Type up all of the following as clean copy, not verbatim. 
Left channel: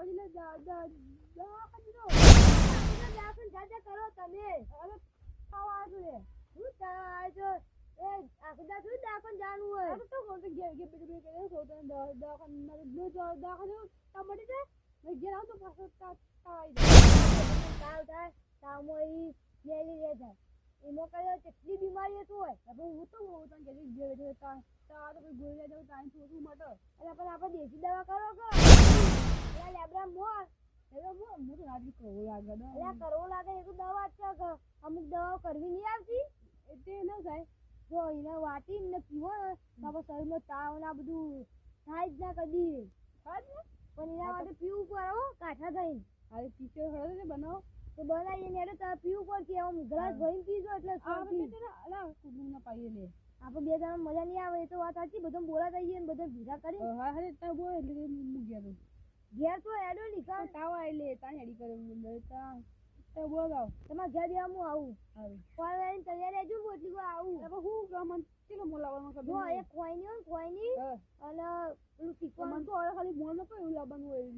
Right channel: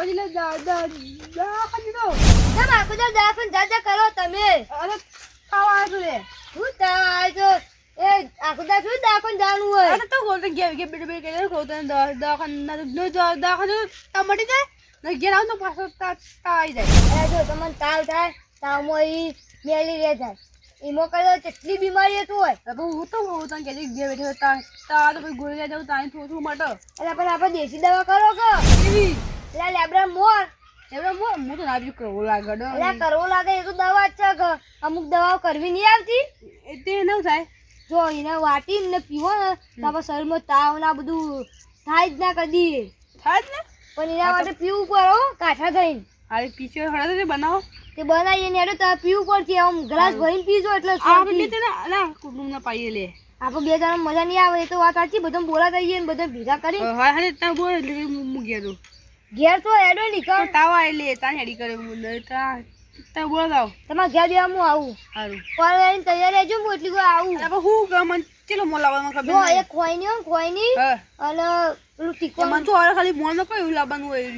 પછી લે દવાખાને દો કેમ આખો દાડો દવાખાને જા કરો તમે? અરે ખાવા આવ્યો રે હું તાવ આવ્યો એ આખો દાડો શું દવાખાને જવાનું હોય? અરે તો બોલતો કે બેટે કે ખોતો દવાખાને ટમાટી જાય ને ઘેર આવ તો પાછો આવી જાય. જો તમને તાવ થાય તાવમાં ઈ મેલેરિયા થાય ઈમો કર્યો કેટલી બીમારી હતું હોય. હવે હું તો તને કે ઘેર બેઠો તા તો કોઈ ગોળી લઈ જાવ તાઈ થોડું મટો એટલે પણ આપણે દેશી દવા કરો કે એવી એટલે લેબડા મોર એવડે હું તો નાજુક કરવો લાગે એટલે કરવો લાગે એ તો દવા જ છે કે અમુક દવાઓ કરવી નહીં આવતી. તે ન થાય જો એને વાટી ને પીવો ને તો આપણા શરીરમાં તાવ ના બધું થાય જ ના કદી. થાય જ ને પણ એના માટે પીવું પડે હો કાંઠા થઈને. અરે પીછે હળા તો બનાવો તે બનાવીએ ને તો પીવું પડશે આમ ગ્લાસ ભરીને પીજો એટલે આપણે બે ને ના કુટુંબ ના પાઈએ લે આપણે બે જણા મજા નહીં આવે એ તો વાત સાચી. બધા બોલા થઈએ ને બધા ભેગા કરી હા હા તા બોલ એટલે હું ગયા તો ઘેર તો એડો નીકળ તાવ આઈ લે તા હેડી કરે હું તા બોલ દાવ તમારે ઘેર બે હું આવું સારું પણ તૈયાર રહેજો હું એટલી વાર આવું. હવે હું ગમન ચલો મોલાવામાં ખબર જો નહીં એક ખોઈની હા અને પેલું ટીકો મન તો હવે ખાલી મોન કોઈ એવું લાવવાનું હોય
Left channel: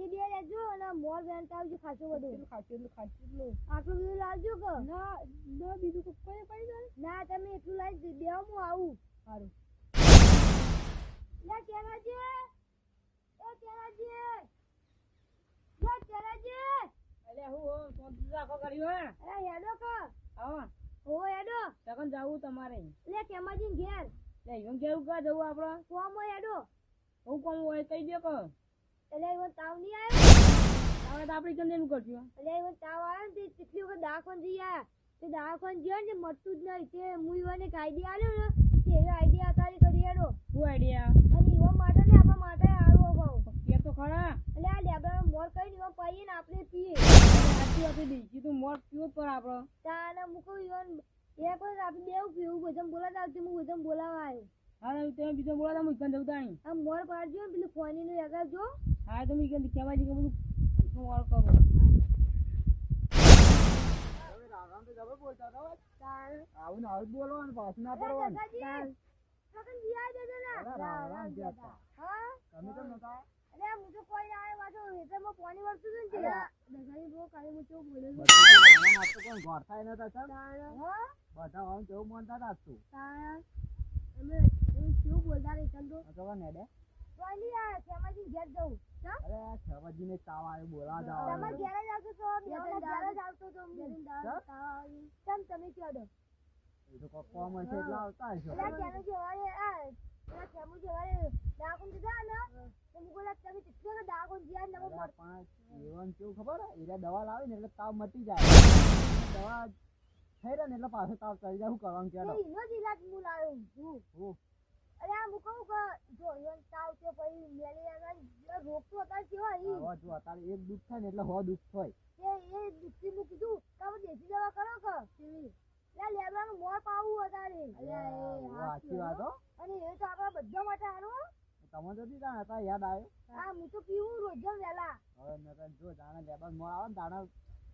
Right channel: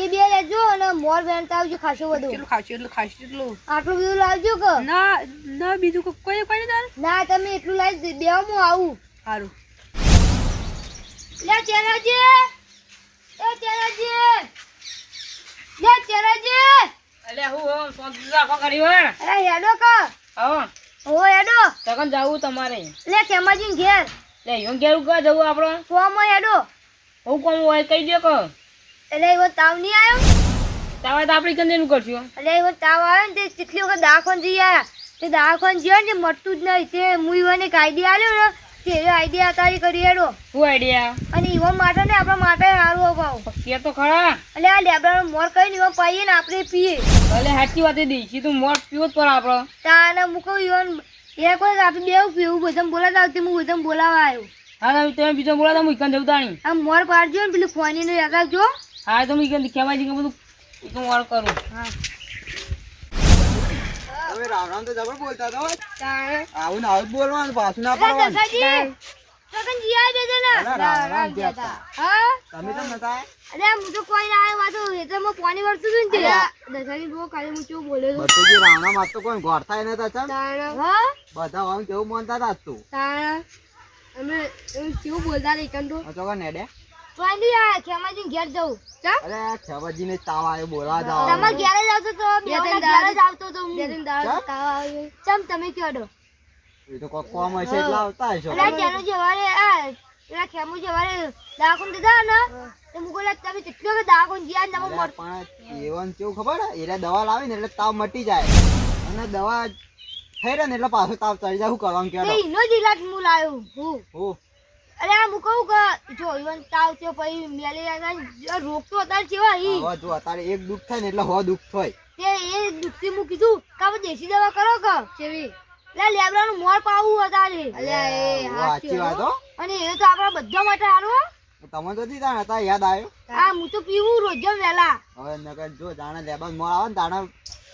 એ બે લેજો અને મોર વેણતા આવજો ખાસો બધું. કેટલું ખાશું એટલું ખાશું એટલું આટલું બધું લાવજો કે ના ના બીજું કોઈ કોઈ તાર ના તમે એટલું લાવી બે હું આવું. સારું લે ચેરાજી એ ચેરાજી લે ચેરાજી અલે હું સોંત રાખો કરી હોય અરે હેડો કા હા ઓ હેડો તકન જાવું તમારે લે કેમાજી ઘેર લે યો ઘેર ઉગા જવું આપણો ફોમ હેડો હું કોમ હોય કહી દે કો એટલે એવો તાવ નહીં આવ્યો તાવા તો આપણી કંદેનું કરશું એટલે એવો તાવ આવ્યો ને તે કેટલી વખત દવાખાને જઈ આવ્યા તે દવાખાને જ્યો ને મટતું જ નહીં તે હું ઈવોને એક આઈડિયા આલ્યો ને તે આઈડિયા તારી કરી હેડો શું આઈડિયા અને ઈવોન માટે ને આપણા માટે સારું અભાવ કે તો ખરા એટલે આ લેબડાનો મોર કઈ ઈવોન પાઈએ ને આપણે પીએ ભલે સાચી વાત દીધી તું મોટ પીવો જ પર આપણો તાને મૂકો ઈવોન એ કોઈ આપણે બેવું પીવું બધા બોલાતા આવતી હું બધા બોલાવા આવ્યો. હા તમે બીજો બોલા તો મુકન જવું તાણી આ મોર પાડજો ને પેલું ખોની નું યાદ રાખજો. હા તો મુકન ખેવાય છે કે બધું હું વાર કરું હા તમે રામ રામ તો જબર બોલતા તો તાણે આવું ને આવું જ બોલવાનું પાછું ના અરે પડવાનું દસાજી સગન જી આવી બેજો ને અરે રામ રામ કહેતા. હા તમે તો નતા અરે હું તો કોઈ ના આવ્યો વાતો એ તો હું પાણી વળતું હતું ને તે દસાજી બહુ કાલે હું કેવું બોલ્યો હતો. બધું જે રામ રામ આજ તો કોઈ ઘોર થાય નતા ચાલ તાણે હા બધા આમ કેવું માનતા હતા તું તાણે અમે કેવું બોલતા હતા એકન તો તો કે નેડે પાણી આ ખેમાજી ઘેર જવું ચા અરે ખેવાજી ને તાવ આવ્યો બોલવા જાવ તમારે ઘેર જ આવતો તો બે ત્રણ ઘેર જ આવતો તો બે ત્રણ દાડા તાવ આવ્યો ચમ તમે કયો એ તો કોઈ કોમ હશે એટલે આવતા હશો અલા જેનો જવારે આ પેલા ખેમુ જવારે દાખોન દીધા ને તો મુકોલા તમે કેટલો કે દાખોન જીયા ને અરે પણ એવન કેવું ખબર એરા દવા લાવી ને એટલે તાવ મટી જાય અને દવા થઈ રહે ને એટલે પાછો તાવ ચડી જાય. શું કરવાનું તે કેડો ઈનો જ ઇલાજ હું લાયો હું હું અરે આ હું કહું કે જો ઈવન તાવ થયો પછી મેલેરિયા રોગ તો અત્યારે કેવા ઈ હવે જો અત્યારે એક દુઃખ થાય ને એટલે હો દુઃખ થાય. તે એ દુખતી હું કીધું કે આપણે દેશી દવા કરો કે કેવી લે લેબડાનું મોર પાવું અત્યારે અલ્યા એ સાચી વાત હો. અને એ તો આપણા બધા માટે સારું હો. તમે તો દીધા હતા યાદ આવ્યો આ હું તો પીવું રોજ વહેલા હવે નકર જો જાણે લેબન મોળ આવે ને તાણે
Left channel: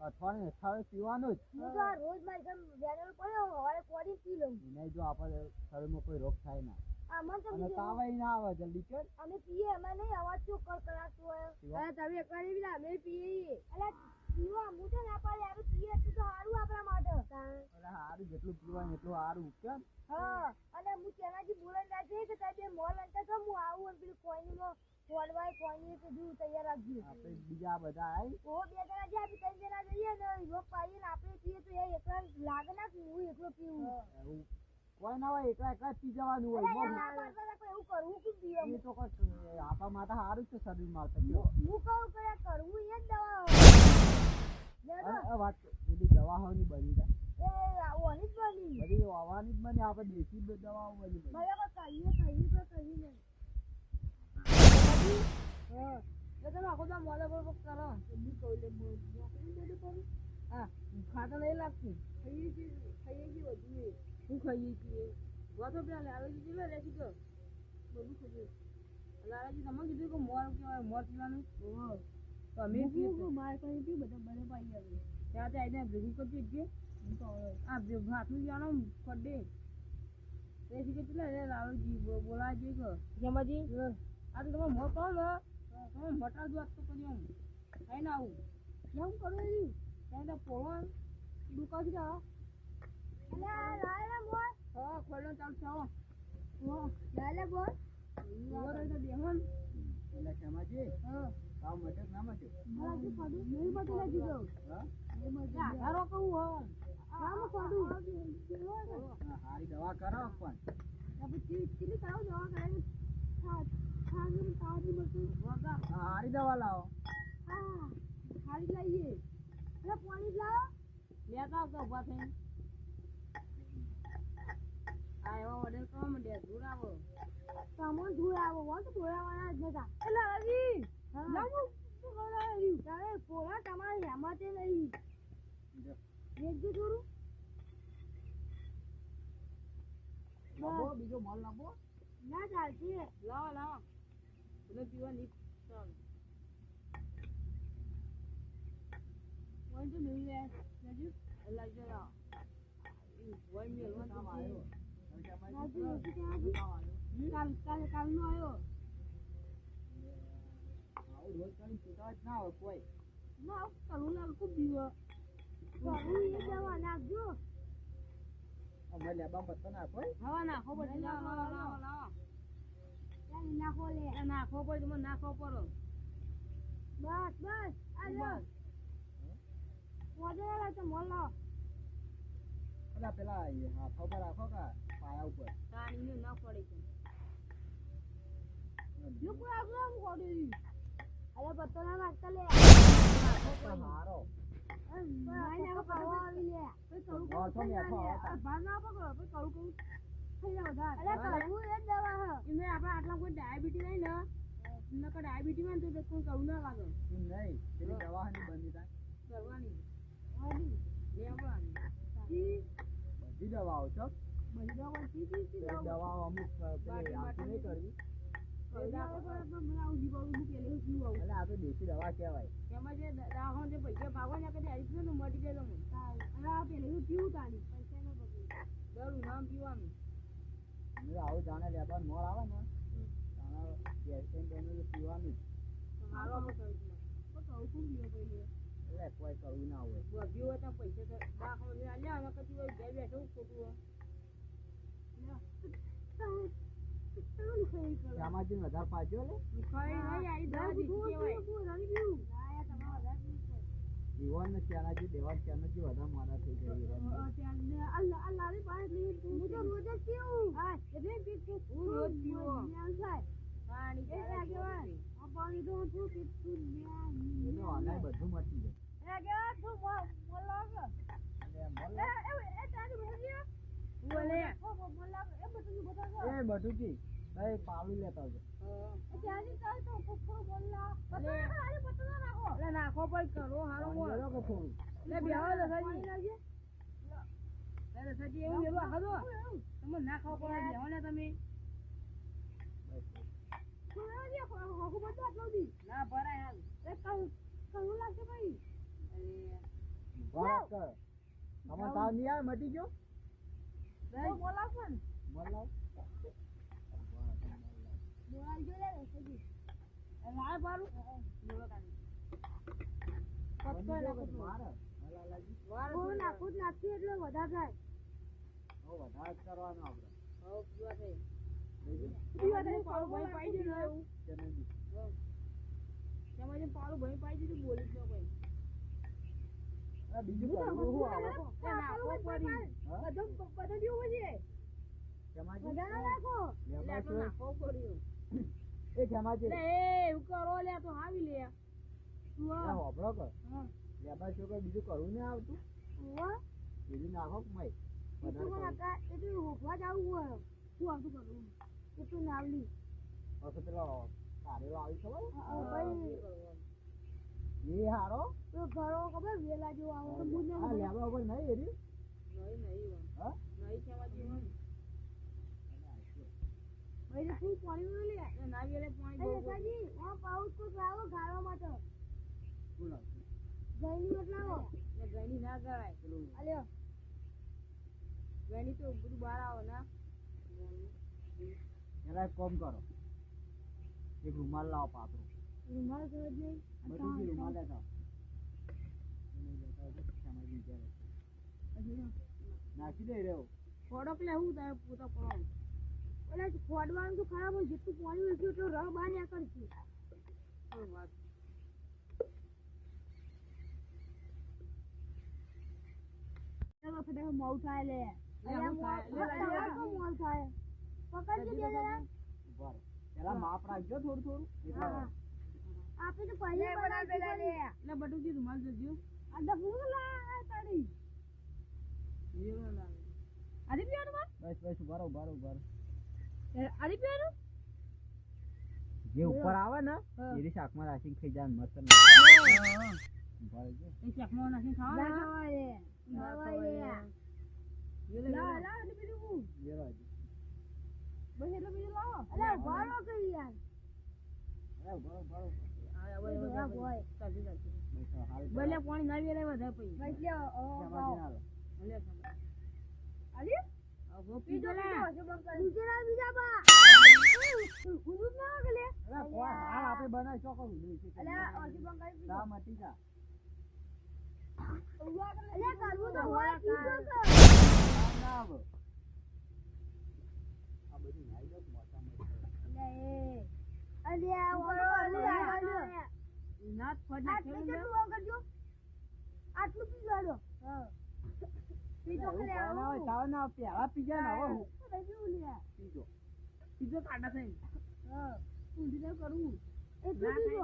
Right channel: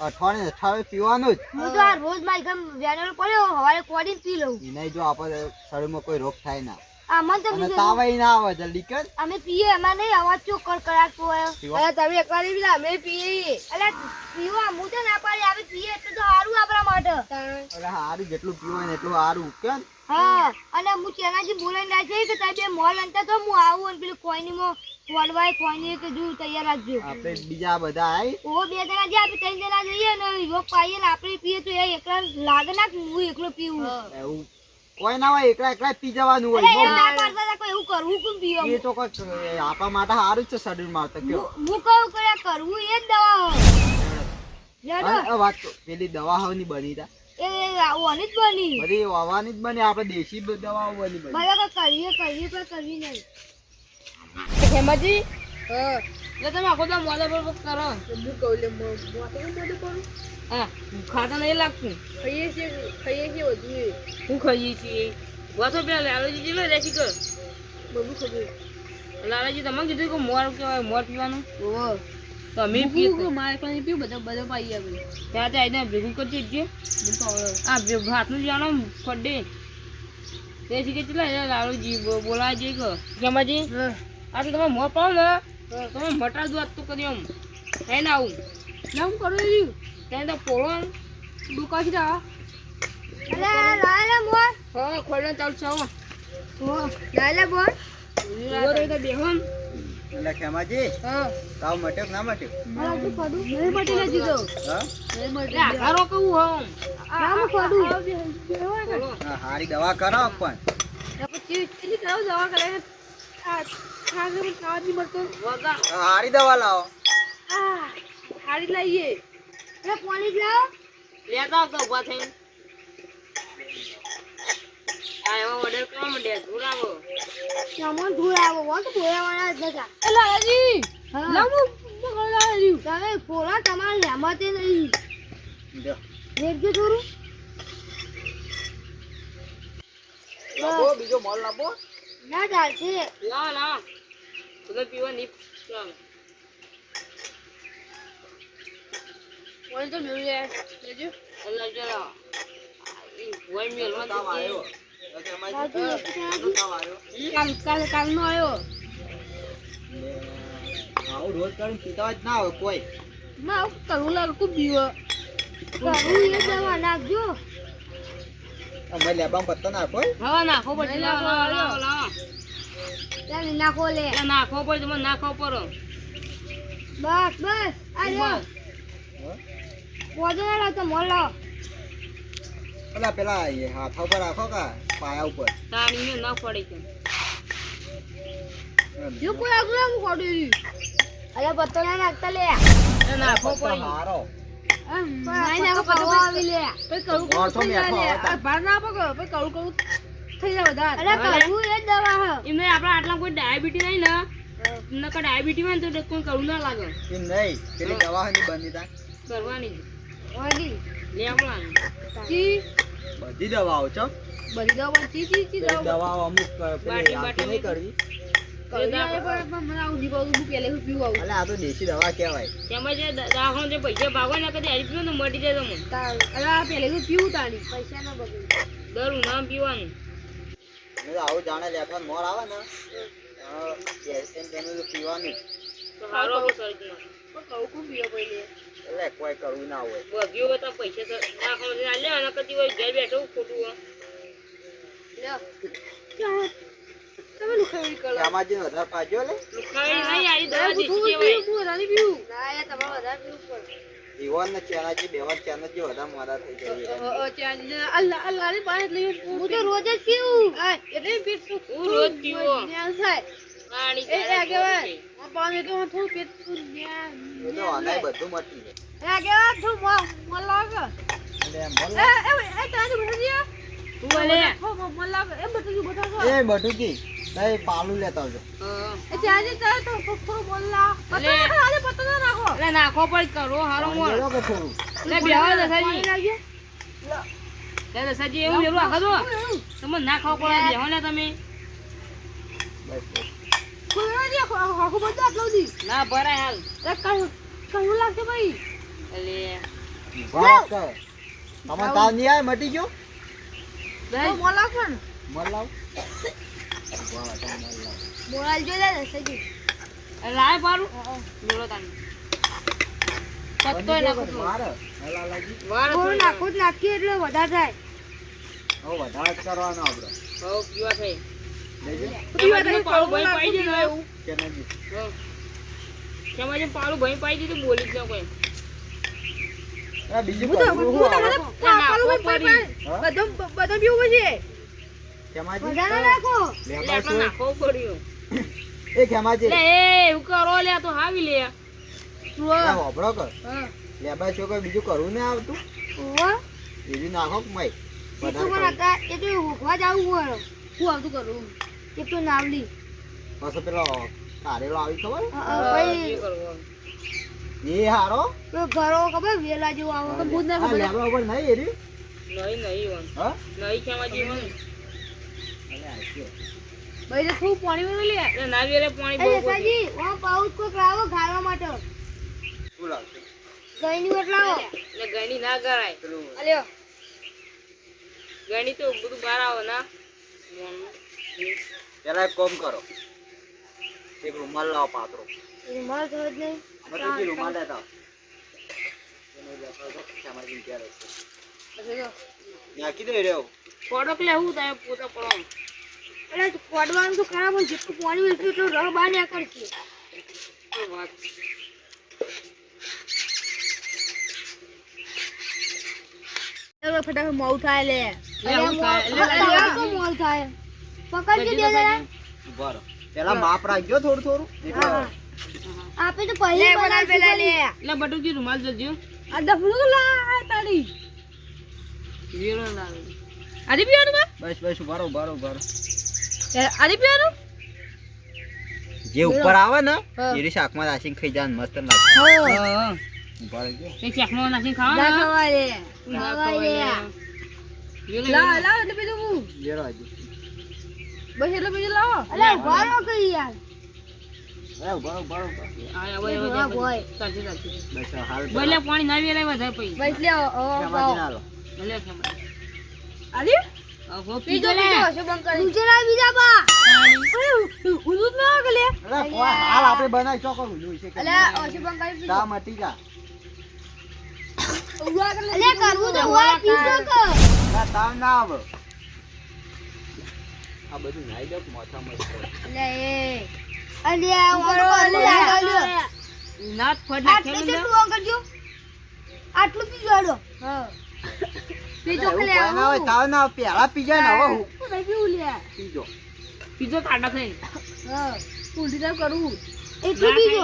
અઠવાડિયે પીવાનું જ હું તો આ રોજ મારી ઘર વેનલ પડ્યો હવારે કોડીને પી લઉં એને જો આપણે શરીરમાં કોઈ રોગ થાય ના આ મન તો અને બીજું તાવ ના આવે જલ્દી કર અમે પીએ એમાં નહીં અવાજ ચો કરાતો હોય અરે તમે એકવાર પીલા અમે પીએ અલે પીવા હું તો ના પાડી આવે પીએ એટલે તો સારું આપણા માટે અરે હારું જેટલું પીવાય ને એટલું સારું કેમ હા અને હું ચેનાજી બોલાઈને ના જઈ કે તમે બે મોલ અંતા તો હું આવું અને પેલું ખોઈનીમાં વડવાય ખોઈની કે જો તૈયાર રાખજો આપણે બીજા બધા આવી ઓ બે જણા જે આપણે ત્રણ જણા જઈએ ને યોગ પાઈએ ને આપણે પીએ તો એ એકલા લાગે ના કે હું એકલો પીવું એવું કોઈ ના હોય એકલા એકલા પી જવાનું અરે હોય એમ ના પાડતા હતા કોઈ એવું કરવું કેમ પીવા એ તો કોઈ આપણા માટે સારું જ છે શરીર માટે કયો હું કહું કે કરવું એ જ દવા હોય અને વાત તો પેલી દવા હવની બની તા એ આવવાની જ બની બધી વાવાની જ બની આપણે દેશી દવાઓ બની બની બરાબર કરીએ પણ કરવી નહીં ખેમાજી એટલે તમે આખો દા મોડા પર કરો હું કહું લે મોટું કરું હા ખાતા નહીં લાગતું ખાઈએ છીએ બધું હું ખાઈએ છીએ વાતો પેલા લાલાજી જેલો રેસી કર બધું ખબર લાલાજી તમને કીધું કે મોર કહેવાય મોર પીવાનું તો અમે પીએ મારે પણ પીવું બધા પાઈ આવે ત્યાં આવીને ભેગું કરી દેજે આ ભાતનું જાણો ફડે તે શીખે ચલા લાલુજી બોલાવા જઈએ કે ખેમાજી આ તો તમે મોર પાડો ને તમે મટા દો તો કરી આમ હે ના આવું નામ કરો રહ્યું ત્યાં તો પોળો દુકાન જા અલે લાલે મોર હા ખોલને ચાલ ચાવો ઓ લાલે બોલ ઉરો તો બેહન એટલે ખેમાજી હા તાવ મટ્યો કે ના મટ્યો? આ તો પડું નહીં મટી લે દીધો હા નહીં મળે આરો કહું હમ આમ પડું હા, હારી દવા કરો પણ પછી ચીલી કરાવ દવા કરે આ ખાગે પણ ખાવા નહીં મળતો વગા હા, હારી દવા લાવો. આ હારી લાવીએ એ પાણી લાવ લેતા તો ઉભા થઈને આ એવો ઓર્ડર કરવા માંડ્યા ધુરાવો સામાન ધોઈ આવો વાત ધોયાવાના જ નતા એ લાલાજી લાવું મગળાજી તમે પોરા તમારે લેમાતે નહીં જો દેખજો થોડું લાવો, બીજો મોલ લાવો. ના ચાલશે લા ના તમે પીવા નહીં ચાલ ઓય તો મેળ લે લેજો અલ્લા જરા ઓય મેળ માં તાવ આવ્યો. તો ખેમાજી, તાવ આવ્યો. કાલ નો આયો ને આવું રોજ કરીને પીતા જ ના હોય કોઈ. ના કરું લાગ ખૂબ બીવો કરું એ દવા નાખજો અમે લેબામાં પત્તો નાખો. હવે નાખો પછી લાવો ચાલ નાખો લે નાખો પછી મને નાખો પર બસ બસ આ લો પોજો ના તો મોલો પેલા પેલા એ હાથ ઉપર રાખો કા પાયા ઉપર. તાણી ના પડે છે જો કોઈ આગળ આમ કોડી અલે પત્તો ના નાખતા લે નાખો પત્તો પડી હારો. નાઈ નાખો પત્તો આવી લે પછી કરું મોરસો મેઠો આવતા. બાર ના પકડો પછી કરું થઈ જાય વધારે અરે કરું એ દવા હ એમને આપણા આટલા કોઈ ડાયાબિટી નહીં ને નકર ડાયાબિટી માં તો કોઈ કરું ના લાગે એમ નહીં, પેલી દવા ની બની તા કરવાની ઓડી લેવવાની ચી બધી દવાઓ છો. બધી દવા ચી પેલી દવાઓ અમુક પેલી બાટી આખી નહીં કરવી. મને આવું દીપાવું હું પહેલે પીવું આવું અલે આ તો દેશી દવા કહેવાય. તેમાં જે દાખલો જે પૈસા ભાગો ને કદી હારી પીવો ને મટી જાય તમને અરે આ પહેલે પીવું તાણી પૈસા ના બગડે દર ઉનાળામાં પીવાનું મેં તો આવું જાણે લેખવાનું મોર આવે ને કેલ્શિયમ તેનું તો પીવાનું જ. તો સારો આવો શરીરમાં પણ કહું ખૂબ પીવો પહેલે એટલે કોઈ કરવું ના હોય. બગ્યો હોય તો પૈસા તો દાખલો જે લે અને કદી હોય ઘેર બેઠો ખોટું હોય તમે લુખાવી કરો ખેમાજી વધારે પાજો લે. લુખાવી નહીં આરી દવા દેશી કહેવાય વધારે પીવું ના એ તમારે વધારે પીવું પડે ઈવન ને ચેનાજી બેવન ચેનાજી વધારે મોડા થઈ જાય. અલ્લાહ અલ્લાહ ની પાસે લઈ હું તો રોજ જ પીવું એટલે પીતું હું રોજ પીવો પાણી એ આગેવાન આ પાણી તો થોડું પીતું એ તો આનાય બધું મટી જાય. આગેવાન થોડું મોલ લાગે એટલે મોલ એ તારે બઢિયા તું બોલે મોલ લાગે એ બટુકી બટાકો એ બટુકી તઈ પાલું લેતા આવજો. એ ચાજે તારે તો થોડું મોલ લા આજે પત્તો ના નાખો એટલે નાખો પર કરો હારો મોર લેલો કે થોડું. એટલે બેહવા દસાજી લાગીએ લે દસાજી એવું મેલું આખા દો તમે ના ખાવ પડે બેહો ને તમે બસ બસ. કોઈ ના દે આખો બધું આટલું દી ના ભરાય હાલ એ કયું લાગશે ભાઈ એટલે વાત કર. તમને તાવ નહીં આવે મટી ગયો? દઈ મોલ લાગશે ને મોલ લાવ. વાહ, તો મોલ લાવ. મોરાલ જો લે સજી લાય પારું મેલો તાની પત્તોય નાખો તો મારે હલા લાગી. વાર થોડું નાખું જ નાખીએ એટલે વધારે થાય હવે વધારે જ કરવાનો આપણે. હો પીવા થઈ લેજો પીવા થઈ પાળું ભાઈ પાઈ દીધું એવું ચેનાજી. કેમાં જે પાળું ભાઈ પાઈ દીધું બોલી જ ન કોઈ આ બીજું કરવું શું આવે? હા? બધું પીવું છે ખેમાજી વધારે નાખો એટલે લેબા આપણે શું? નાખવો પડ્યું એ ખેમાજી એટલે એ એવું કરો લે આ તો હાવી લે આ હોભળો કર. લેબા શું કોઈ બીજું કરવું નહીં આવતું? ઓવા બીજું નાખો કે મય એ તો વધારે મને કરવું. હતા એ તો હોકવા જાવું હોય શું આવતું કરું એ તો નાવલી પાછો પેલો કારેલો આવી ખબર? ભાઈ કરવું એ હારો તો ઘરો ખબર વેલા જેવું આવો તો બુધ આ લેબા ઉપર નહીં એરી. નહીં નહીં વન હા? નહીં કેમાં જીવન અલે આ છે. ભાઈ તો ખૂબ પાણી મેં લે એટલે નારિયેલે પાણી એ બહુ સાજી ઓ પાઉચ કોક લાવો ખાવા માટે શું લાવશે? ગઈની વટ લાવો એટલે ગણી ના કરાય પેલું અલ્યો ગણી તો બધું બહાર આવે ના પેલા એક કામ કરો, એક રૂમાલ લાવો પાતળો. રૂમાલ તો જ નહીં. બટુજી રૂમાલ લેતા એને લેતા તો સામાજિક ક્યારે છે પછી જો નાખી દે રહ્યો ફોટો લેવું તારે પોતા પડો એટલે ખોડવાનું તો ખરાબ હોય, જેટલું પાણી હોય એટલું રહ બહાર નીકળશે. વાત ફટાફટ મોડું થાય લે. લે હું થાય તો મોડું થાય. પકડજે બે જણા. ઉભા રહો પેલા માપ રાખજો થોડું થોડું એટલે હા. આપે તો પહેલી બનાવી પેલા લે. એટલે બટુજી રૂમાલ જજો આ ડફલું લા તારી. વીરો લાવે આજી પીવાનું બા બસ બસ ઉભા રહો ઉભા રહો ઉભા રહો આજી પીવાનું જે ઉપર આવે ને એની શાકમાં નાખીને ખાઈ જાય મસ્ત લાગે હા ઉભા રહેજો એક ચાખમાં નાખીને ખાવા ખવાય લે. ના ખવાય લે. લા લા એટલે બીજું લેરો આજે બસ એટલે બીજું લાવો અલે ઉભા રહો કે યાર. અરે ઉભા રહો ઉભા રહો ઉભા રહો. આ એ ભવા ભોય. ચાલશે ચાલશે બસ હાલ બોલે પાણી ના વેલાય વધારે પઈ બસ લે શાકમાંથી ના લો ભલે કેમ આલી હો બીજો પીજો લે બીજો શું બંધ કરી બીજો ના બીજા બા. ઉદુત ના કે લે. અરે કોઈ હાલ આપણે બનાવી ચોકો ઊંધું છે કે અલે ઓછું બંધ કરી તા મટી જા અલે કરવું તો હોય બીજો કર. ના તાવ ના આવે આ બધું નાઈ દો મોથા મસ્ત અલે એ અલે ઉભરો અલે નાત ફટ આટલું નાખેલું જેટલું ઓન કરજો. આટલું પીજો આડો. હા. પીજો કે લે ના હોય તાવ ના આવે પેલા પી જાય ને હવે હું નહીં પીવું લે. પીજો પીજો કાઢા થઈ હા. ઉલટી ના કરું. એટલું પીજો.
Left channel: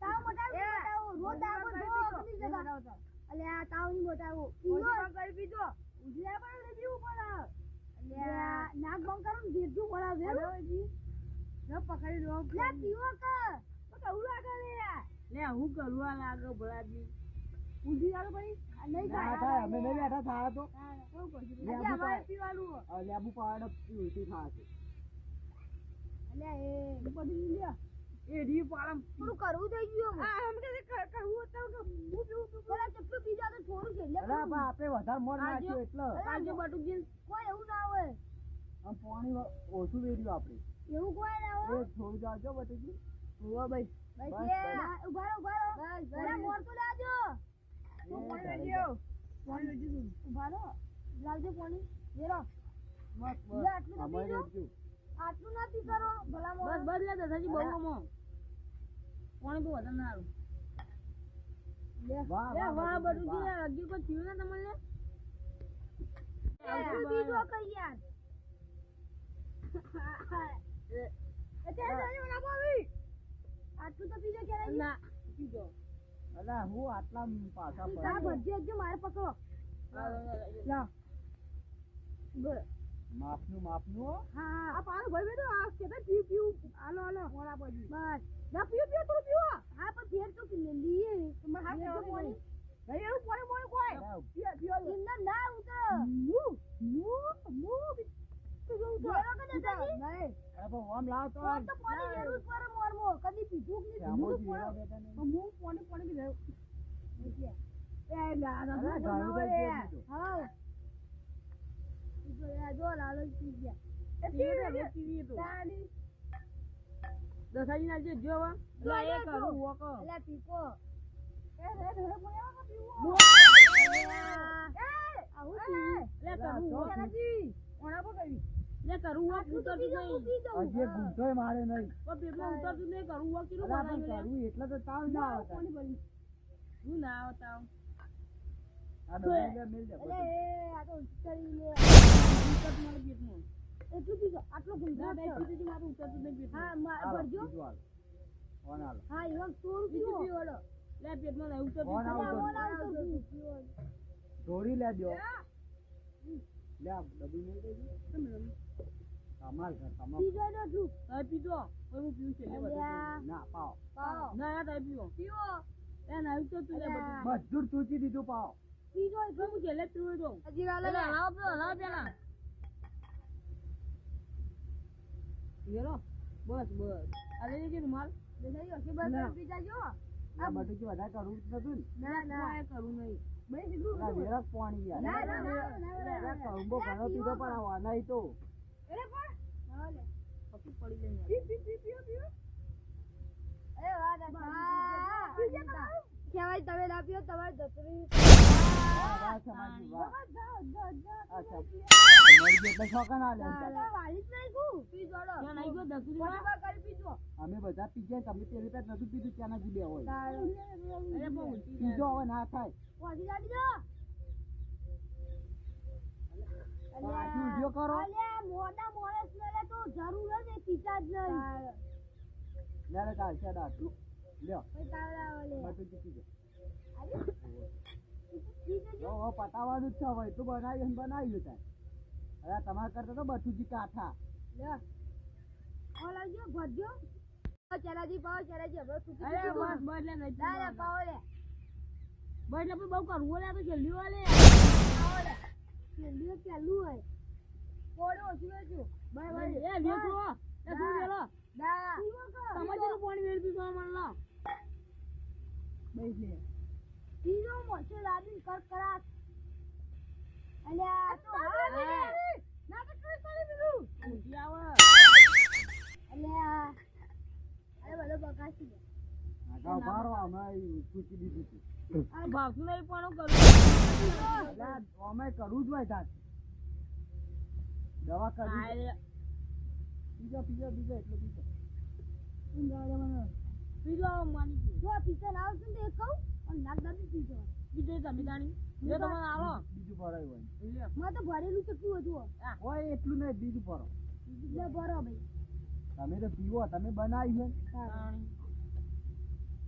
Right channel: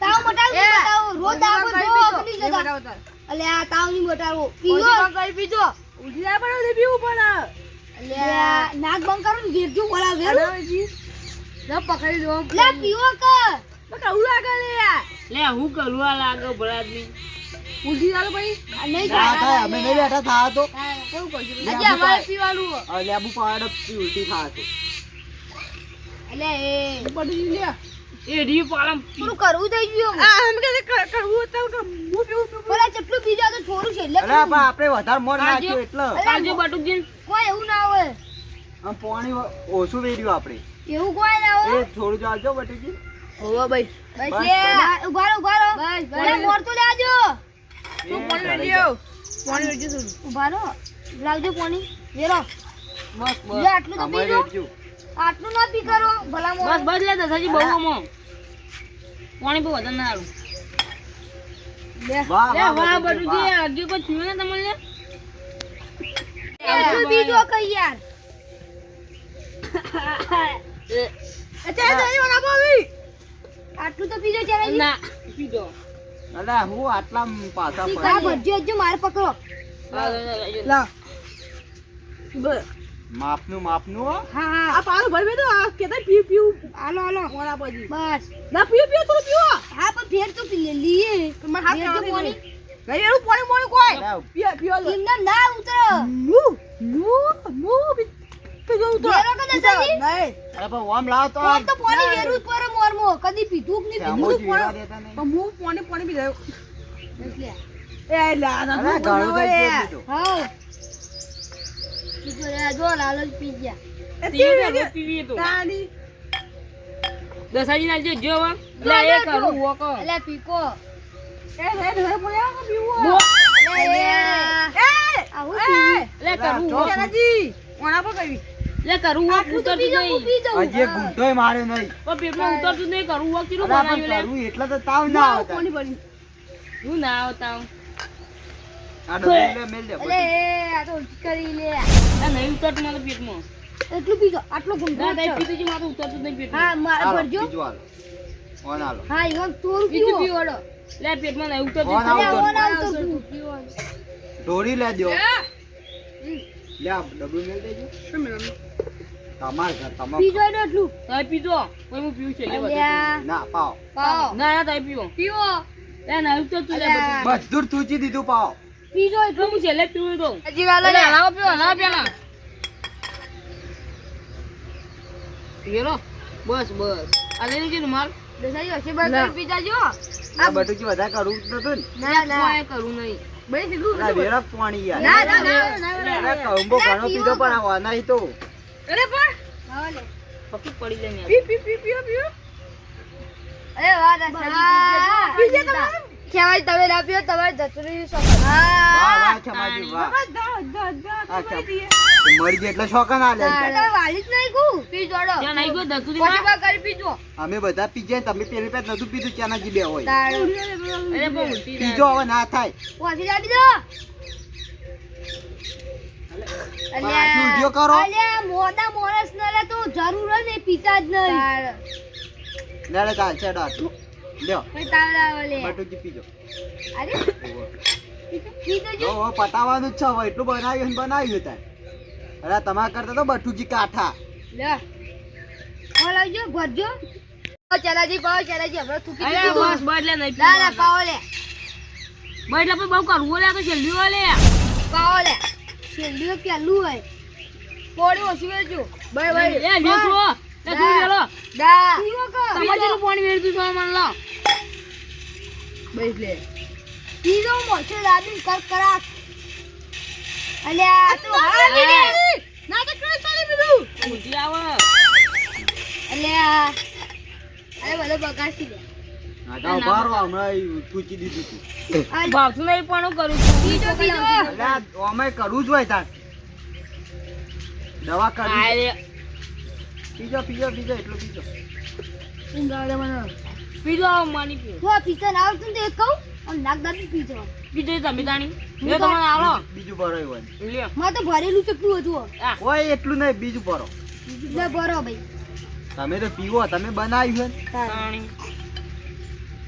તાવ મટાડો મટાડો રોજ દાવો જો અગની જગા. અલે આ તાવ ની મટાડો પીજો કઈ પીજો. ઉલટી ના પડે પીવું પડે. અલે નાક બંધ કરો ને વેરજો બોલા વેર. ના પકડી લો. લે પીવો કે. બકા ઉલા કે લે. લે હું કરું આ લાગે ભરાદની ઉલટી ના ભાઈ. નહીં ના થાય અમે નહીં બેઠા થા તો કેવું કરજો. લે, આજે અમારે પીવાનું. લેબુ પાવડર ઉલટી થા તો અલે એ બડી લે. એ રી પાલમ થોડું કરવું થઈ ગયું. આ હમ કે કરવું તો હું પીવું. બોલા કેટલું પીજા તો થોડું છે એટલે અરે પણ આપણે વધારે મોર નાખ્યું એટલે કાજુ બટુજી કોઈ એવું ના હોય. આમ પાણી ઓછું વેર્યું આપણે એવું કોઈ ના હોય. એ થોડું જાજો બટીજી હોવા ભાઈ બસ લે. ઉભા રહો ઉભા રહો. બસ મોર તો લેજો. તું પાણી વેર્યો પાણી વેચી છું ઉભા રહો. લાવજો પાણી. વેરો. બસ લે બસ આટલું તો અમારે પીજો. વેચ્યું આટલું ના પી કરો ભલા મોર. બસ બસ લે દસાજી બહુ મો પાણી બહુ વધારે ના આલું વાહ લે વાહ બટુજી, બટુજી વાહ. હજી કોઈ થયું ને તમને એટલું પીજો કઈ યાર. આટલું તો પીજો ચાલે. ના પીજો અલા હું આટલા પાછા આ ભજ્યો જો મારે પકડો. લા માપનું હો. હા હા. આ પાણી ભરવે તો આ કેતા પીવું હાલો હાલો. મોડા પછી બસ. ના પીવો થોડું પીવો હા પણ ફેર તો પી લીએ. મને હાથ ફેર તો કાઢી પાણી. ગઈ એનું પાણી મોય કોઈ અલા, પીવો એમને ના ઉતરો. પીજો વેરો કે દસાજી? નહીં અરે પણ ઓમ લાવ તો ઓમ તો પાણી વેરું જ પડે મોરમો. કદી પીધું કે નહીં સામો પીધું. જ વેરા દેતા નહીં. પણ હું પાણી પી જાવ એટલે. એ લા ના અરે ઘણું તો જ પીધું. હા. પીજો રે જો લાલ જ પી ગયા. પીવી તો દસાજી ના જો લે એ કરું વોકો અલે પીકો. એ પીવો આવું પીવી. લે કરું જો, વોકો ઓણા પર કઈ લે કરું વોક આટલું તો ઉતરતું પીજો હું નહીં પી જાઉં. હજી એક ગુંઠોય માર્યો નહીં પણ પેટમાં ઉતરતું નહીં કરું વોક કીધું અલા, બનાવ્યું પણ લે કરવું એટલે તો તાવ ના આવતા હું ના આવતા આ ડબ્બો લે, મેલ દે અલે એ આ તો ઉલટી કરી લે. આ નહીં ઉતરતું મારા પેટમાં એટલું પીજો. આટલું ના ગુંઠો તાઈ પીતું છે મારું ઉતરતું નહીં પેટમાં હા મારે હાલો, ભરજો. બીજું હાલો. ઓન હાલો. હા ઈવન થોડું બીજું પીવો. પીવડો લે પેટમાં નહીં ઉતરતું ઓન આવ અલે તો ઓન આવતું પીવો. ઢોળી લે દ્યો. લે આ ડબ્બો મેલ દેજો તમાર ઘર તમાર પીજો એટલે એટલું. તાઈ પીજો કોઈ હું પીવું છે લે બધું અલ્યા. ના પાવ પાવો. ના ના તાઈ પીવો પીવો. લે ના ઉતરતું લે અલ્યા. બધું બધું જ તૂચી દીધું પાવ પીજો તો એટલું. હું છેલ્લે પીવું તો હજી વાલો અલે હલાવો પીવો હલાવો પેલા વેરો બસ બસ આ લઈ લીધું માલ દસાઈ હશે બસ પી જાજો. આ બટુકી વધારે કરવું જ નતું ને ના ના. કોઈ કરું નહીં ભાઈ સીધું આ વેરા પાણી યાર ના ના ના. અરે કંબો ઘણો પીધો પણ આ વાનાઈ તો અરે પણ હા લે. પપ્પી પડી જાય ને પી પી પી પીઓ પીઓ. અરે વાહ બીજે તમે ખેવાય તમે ના પીઓ તમારે જતરી વાહ ખેમાજી વાહ મરી ગઈ એટલે શોખન આલે વાલી જ નહીં કુ પી જોડો ત્યાં નહીં ગયો દતુરી પછી બા કરી પીજો અમે બધા પીજે તમે પેલી પેટ નતું પીધું ચાનાજી બે હોય અરે બહુ ઉલટી પીજો હવે ના થાય પછી જાડી દો પાછું ઉડ્યો કરો અલ્યા મોટા માણસ ને લે તો જરૂર જ નહીં પીતા જ નહીં લેડે ચાલ છે ડાટ લ્યો પછી તાવડા ઓલે બટુજી પીજો અરે પીજો જો જો પટાવાનું જ છે હવે એટલું બનાવ્યું તાર અરે તમારા કરતા તો બટુજી કાઠા લે ઓલાજો ભરજો ચલાજી પાવ ચલાજી હવે થૂકી અરે બસ બસ લે નહીં લા લા પાવ લે બસ એટલે બહુ કરવું લે તો છેલ્લી લે પાવ લે છેલ્લું પેલું હોય પોડી ઓછી વેચો બાય બાય એ લ્યો છો લે તું લ્યો દા તમારું પાણી વેરતું છો મને લો બસ લે પીજો મોછો દાદી કર કરા અલ્યા તો હા મીને ના તો કરે ચાલી બીડું ઉલટી આવે અલ્યા અરે બધો બગાડી દે આગા બારો હમણાં પૂછી દીધું તું ભાવતું નહીં પણ હું કરું પીજો પીજો અલ્યા અમે કરવું જ હોય તાર દવા કરવી અરે પીજો પીજો પીજો એટલું પીજો ઊંઘાડે મને પીજો માની પીજો જો પીતો ના આવતું ને તો એક કહું અને નાક દાબી પીજો પીજો તમે તાણી લે તમને આલો બીજું ભરાય હોય લ્યો માં તો ભરેલું ચકલું હતું આ હોય એટલું નહીં બીજું ભરો લે ભરો ભાઈ તમે તો પીવો તમે બનાવ્યું છે તાણી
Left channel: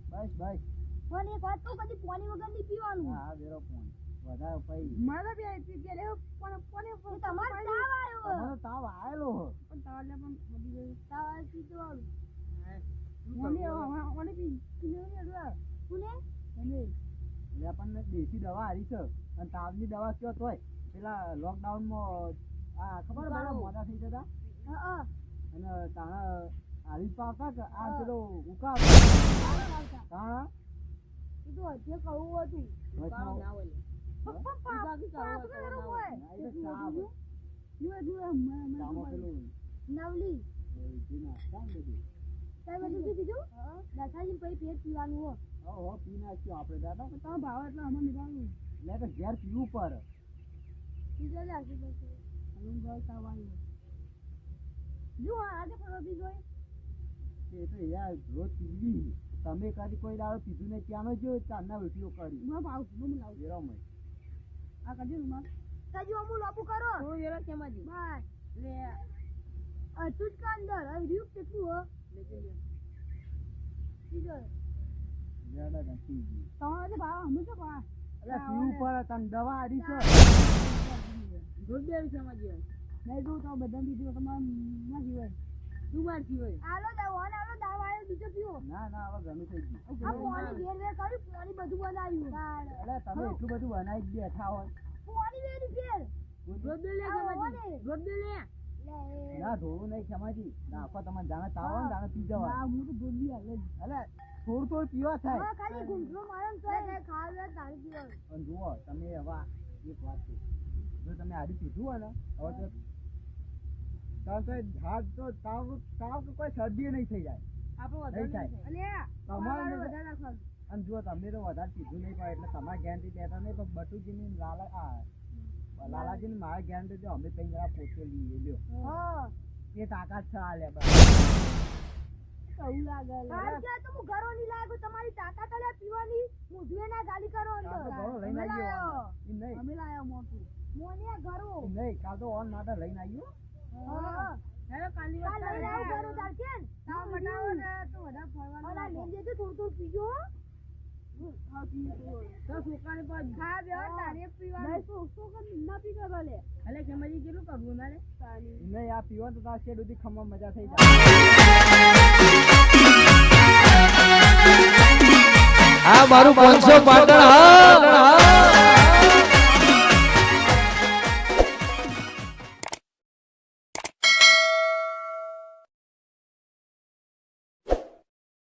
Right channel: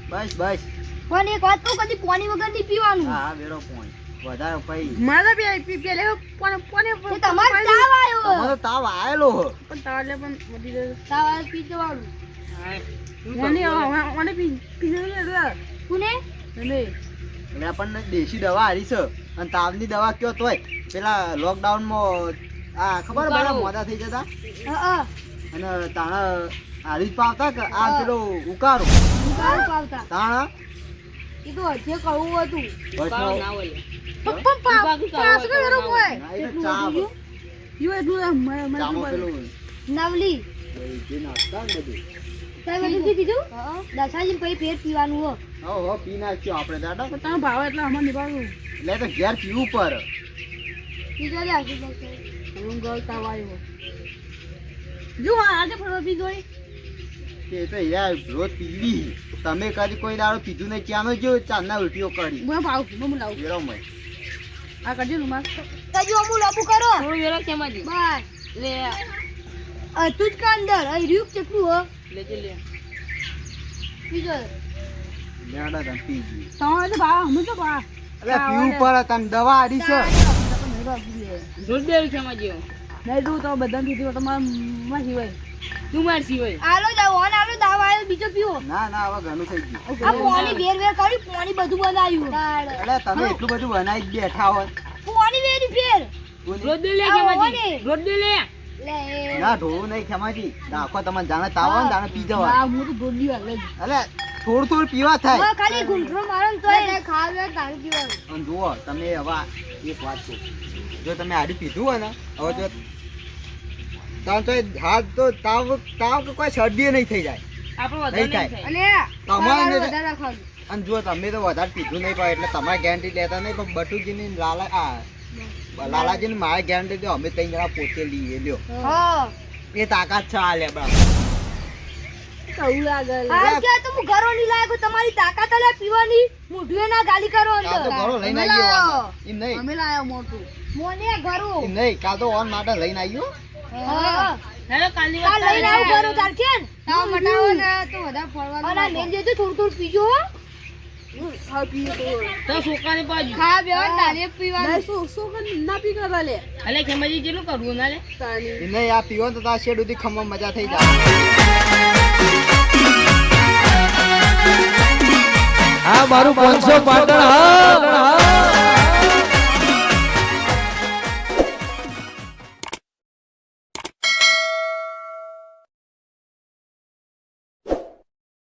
બસ બસ પણ એક વાત કહું કદી પાણી વગર નહીં પીવાનું હા વેરો પોઈન્ટ વધારે પઈ મારા પેલે પણ એ તમારે તાવ આવ્યો તમારો તાવ આયેલો હો પણ તાલે પણ વધી ગયો તાવ આવ્યો પીજો વાળું મને પીજો કોને ને એટલે આપણને દેશી દવા હારી છે અને તાવની દવા કયો તોય પેલા લોકડાઉનમાં આ ખબર બધા મોડા થઈ જતા હા અને તાણા હારી જ પાવતા કે આ પેલો ઉકારો હા પાવતા તાણા એ તો હજે કહું હતું વચનો ના હોય ના, એ તો ચામો પેલું નવલી જે નાખતા ને બધું તમે બધું પી દીધું દસાજી પછી ફેર પીવાનું હો હો પી નાખ્યો આપણે દાદા તમે ભાવ એટલે અમાર નિભાવું એટલે તો ઘેર પીવું પર પીજો લે આખી બસ હું ગળતા વાયો જો આજે ફરવા પીધો એ તો યાર રોજ પીવી તમે કદી કોઈ દાડો પીધું નહીં ક્યાંનો જો ચાંદના ઉલટીઓ કરી હું ભાવ હું લાવું વેરો મય આ કરજો ને માર તજો અમુ લાબુ કરો થોડું વેલો કેમાં દી બસ લે તું જ કાંદર અહીં રૂપ ચકલું હો લેજે લે પીજો લેડા તમ પીજી તમારે તો ભાવ હું તો ભાવ એટલે પીવું પડે તને દવા આડી છે દૂધ દે કેમાં જેવો નહીં દઉં તો બધા પીધી તમારે માં સિવાય તું માર સિવાય આલો જાવ ઓન આલો દાવા આલો બીજો પીવો ના ના હવે ઘણું થઈ ગયું આ પાણી વેર કરી પાણી બધું બનાવ્યું એટલે તમે એટલું બધું બનાવી જ બેઠા હોય પાણી વેરી ફેર રોજ દે લે કેમાં જી રોજ દે લે લે ના ઢોળું નહીં ખેમાજી નાખો તમને જાણે તાવ આવે ને જાણે પી જવા હું તો ગોડી હાલે એટલે થોડું થોડું પીવા થાય હવે ખાલી ગુંઠરો મારો ને તોય ખાવે તારું પીવાનું અને જુઓ તમે હવે એક વાત કહું જો તમે આડી પીધું હોય ને હવે જો તાવ તો હાથ તો તાવ કે કોઈ શરદી નહીં થઈ જાય આપણો વધારે નહીં નહીં થાય. થાય તમારે વધારે ખાવું અને જો તમે તો વધારે પીધું નહીં પાય એટલે તમારે ગેરંટી લેતા નહીં પણ બટુજીની લાલાજીની મારે ગેરંટી દો અમે ત્રણ જણા પોતે લઈએ લ્યો હા એ તાકાત છે આ લે બા કવું લાગે આ કે તો હું ઘરો ની લાયકો તમારી તાકાત આલે પીવાની મુઢુએ ના ગાલી કરો કાલ તો અંદર ઘરો લઈને આવ્યો એમ નહીં અમે લાયો મોટું મોને ઘરો એમ નહીં કાલ તો ઓન માટે લઈને આવ્યો હા હેલો કાલની કાલ વાત લઈને આવું ઘરો તાર કેન તાવ મટાવો ને તો વધારે ફરવાનું અને મેં જે થોડું થોડું પીજો હો હા પીએ તો છોકરાની બાજુ ખા બે તારે પીવાનું ના પી કરવા લે અલે ખેમાજી કેટલું કરવું ના લે એમ નહીં આ પીવો તો તાર શેડ સુધી ખમવા મજા થઈ જાય આ મારું 500 પાટણ હા